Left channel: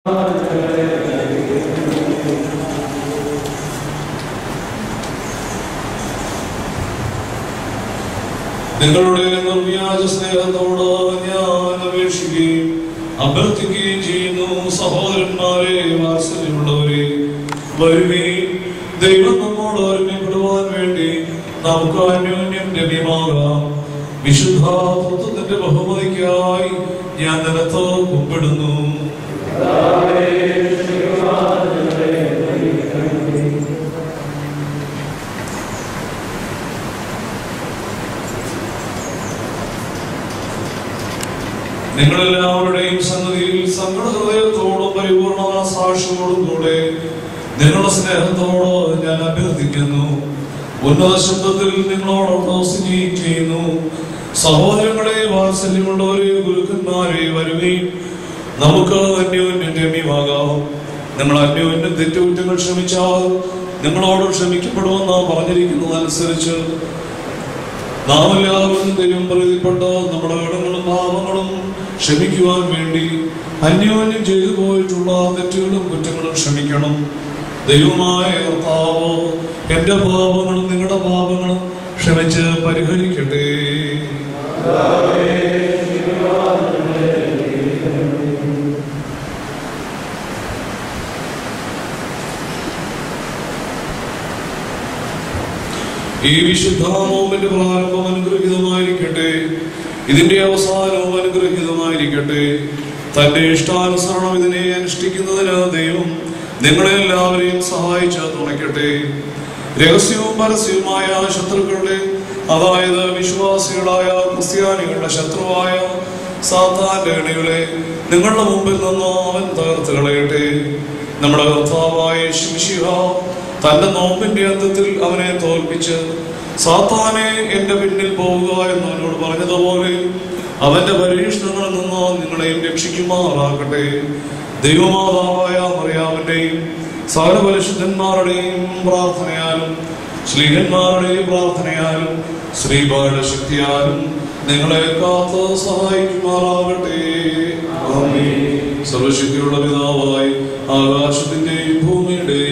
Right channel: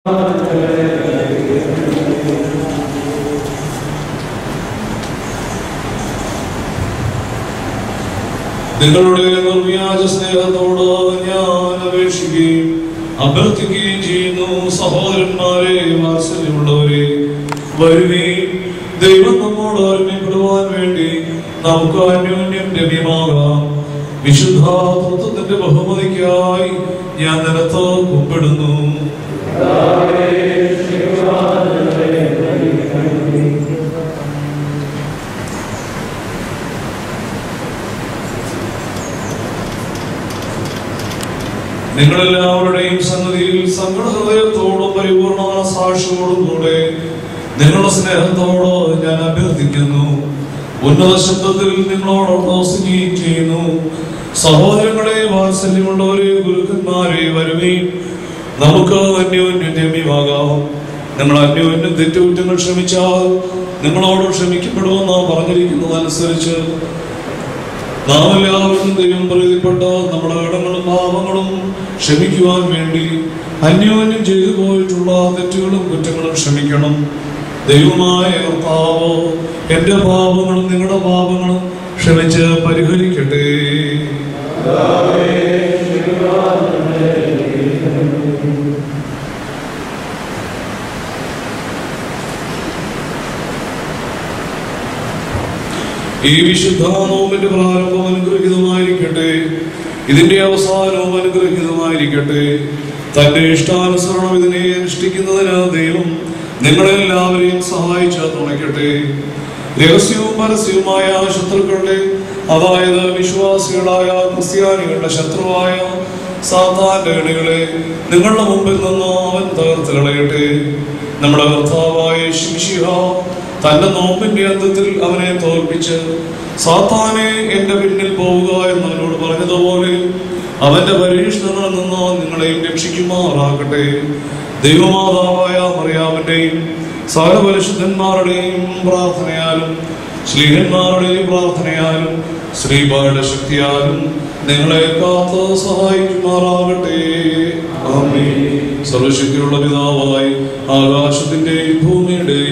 നിങ്ങളുടെ നിർവ്യാജ സ്നേഹത്തോട് ഞാൻ അപേക്ഷിക്കുകയും അഭ്യർത്ഥിക്കുകയും ചെയ്യുന്നു. സഹോദരന്മാരെ, വാത്സല്യമുള്ളവരെ, വരുവീൻ. ദൈവം നമ്മോട് ഒരുമപ്പെടുവാൻ വേണ്ടി നമുക്ക് അന്യോന്യം ലഭ്യമാകാം. വിശുദ്ധ തത്വത്തിന്റെ ബഹുമതിക്കായി ഞാൻ നിലത്ത് കുമ്പിടുന്നു. നിങ്ങളെല്ലാവരുടെയും സന്നിധിയിൽ സങ്കട ഹൃദയത്തോടും പരിപൂർണ സാക്ഷിയോടും കൂടെ നിങ്ങളുടെ സ്നേഹത്തോട് ഞാൻ അഭ്യർത്ഥിക്കുന്നു. ഉന്നത ശബ്ദത്തിൽ നിങ്ങളോടൊപ്പം സ്തുതിക്കുകയും ചെയ്യുന്നു. സഹോദരങ്ങളെ, വാത്സല്യമുള്ളവരെ, ഗുരുക്കന്മാരെ, വരുവീൻ. നമുക്ക് അന്യോന്യം രമ്യമാകാം. നിങ്ങൾ അന്യോന്യം തെറ്റുകുറ്റങ്ങൾ ക്ഷമിച്ചാൽ നിങ്ങളോട് ക്ഷമിക്കപ്പെടുമെന്ന് പറഞ്ഞിരിക്കുന്നതനുസരിച്ച് നാം എല്ലാവരും ദൈവം പ്രീതിപ്പെട്ട് നമ്മുടെ കടങ്ങളും പാപങ്ങളും ക്ഷമിക്കുവാൻ വേണ്ടി അന്യോന്യം ചെയ്തു പോയിട്ടുള്ള തെറ്റുകളും കുറ്റങ്ങളും ക്ഷമിക്കണം. ദൈവമായ കർത്താവ് എന്റെ പാപങ്ങളും നിങ്ങളുടെ പാപങ്ങളും ക്ഷമിച്ച് പരിഹരിക്കട്ടെ. ഈ വിശുദ്ധ നോമ്പിന്റെ പ്രാരംഭം അനുഗ്രഹീതമായിരിക്കട്ടെ. ഇതിന്റെ അവസാനവും അനുഗ്രഹീതമായിരിക്കട്ടെ. തന്റെ ഇഷ്ടാനുസരണം ഇതിനെ അനുഷ്ഠിക്കുന്നതിന് ദൈവം നിങ്ങളെല്ലാവരെയും സഹായിച്ച് തുണയ്ക്കട്ടെ. രഹസ്യവും പരസ്യവുമായ ശത്രുക്കളുടെ, അതായത് വിശ്വാസികളായ ക്രിസ്ത്യാനികളുടെ ശത്രുവായ സാത്താന്റെ ഇണകളെ നിങ്ങളുടെ മുമ്പിൽ നിന്ന് അവൻ തകർത്ത് കളയട്ടെ. നമ്മുടെ കർത്താവായ യേശുമിശിഹ തന്റെ നോമ്പിന്റെ അന്ത്യത്തിൽ അവനെ തോൽപ്പിച്ച് സാത്താനെ എന്റെ പിന്നിൽ പോവുക എന്നവനോട് പറഞ്ഞതുപോലെ അവന്റെ പരീക്ഷണങ്ങളിൽ നിന്ന് നിങ്ങളെയും രക്ഷിക്കുമാറാകട്ടെ. ദൈവമാതാവായ മറിയാമിന്റെയും സകല പരിശുദ്ധന്മാരുടെയും പ്രാർത്ഥനയാലും ശ്ലീഹന്മാരുടെയും പ്രാർത്ഥനയാലും ശ്രീബായുടെ ശക്തിയാലും നിങ്ങളെ കാത്ത് സഹായിക്കുമാറാകട്ടെ. ആമേൻ. സർവശക്തിയുള്ള പിതാവായി ആകാശത്തിന്റെയും ഭൂമിയുടെയും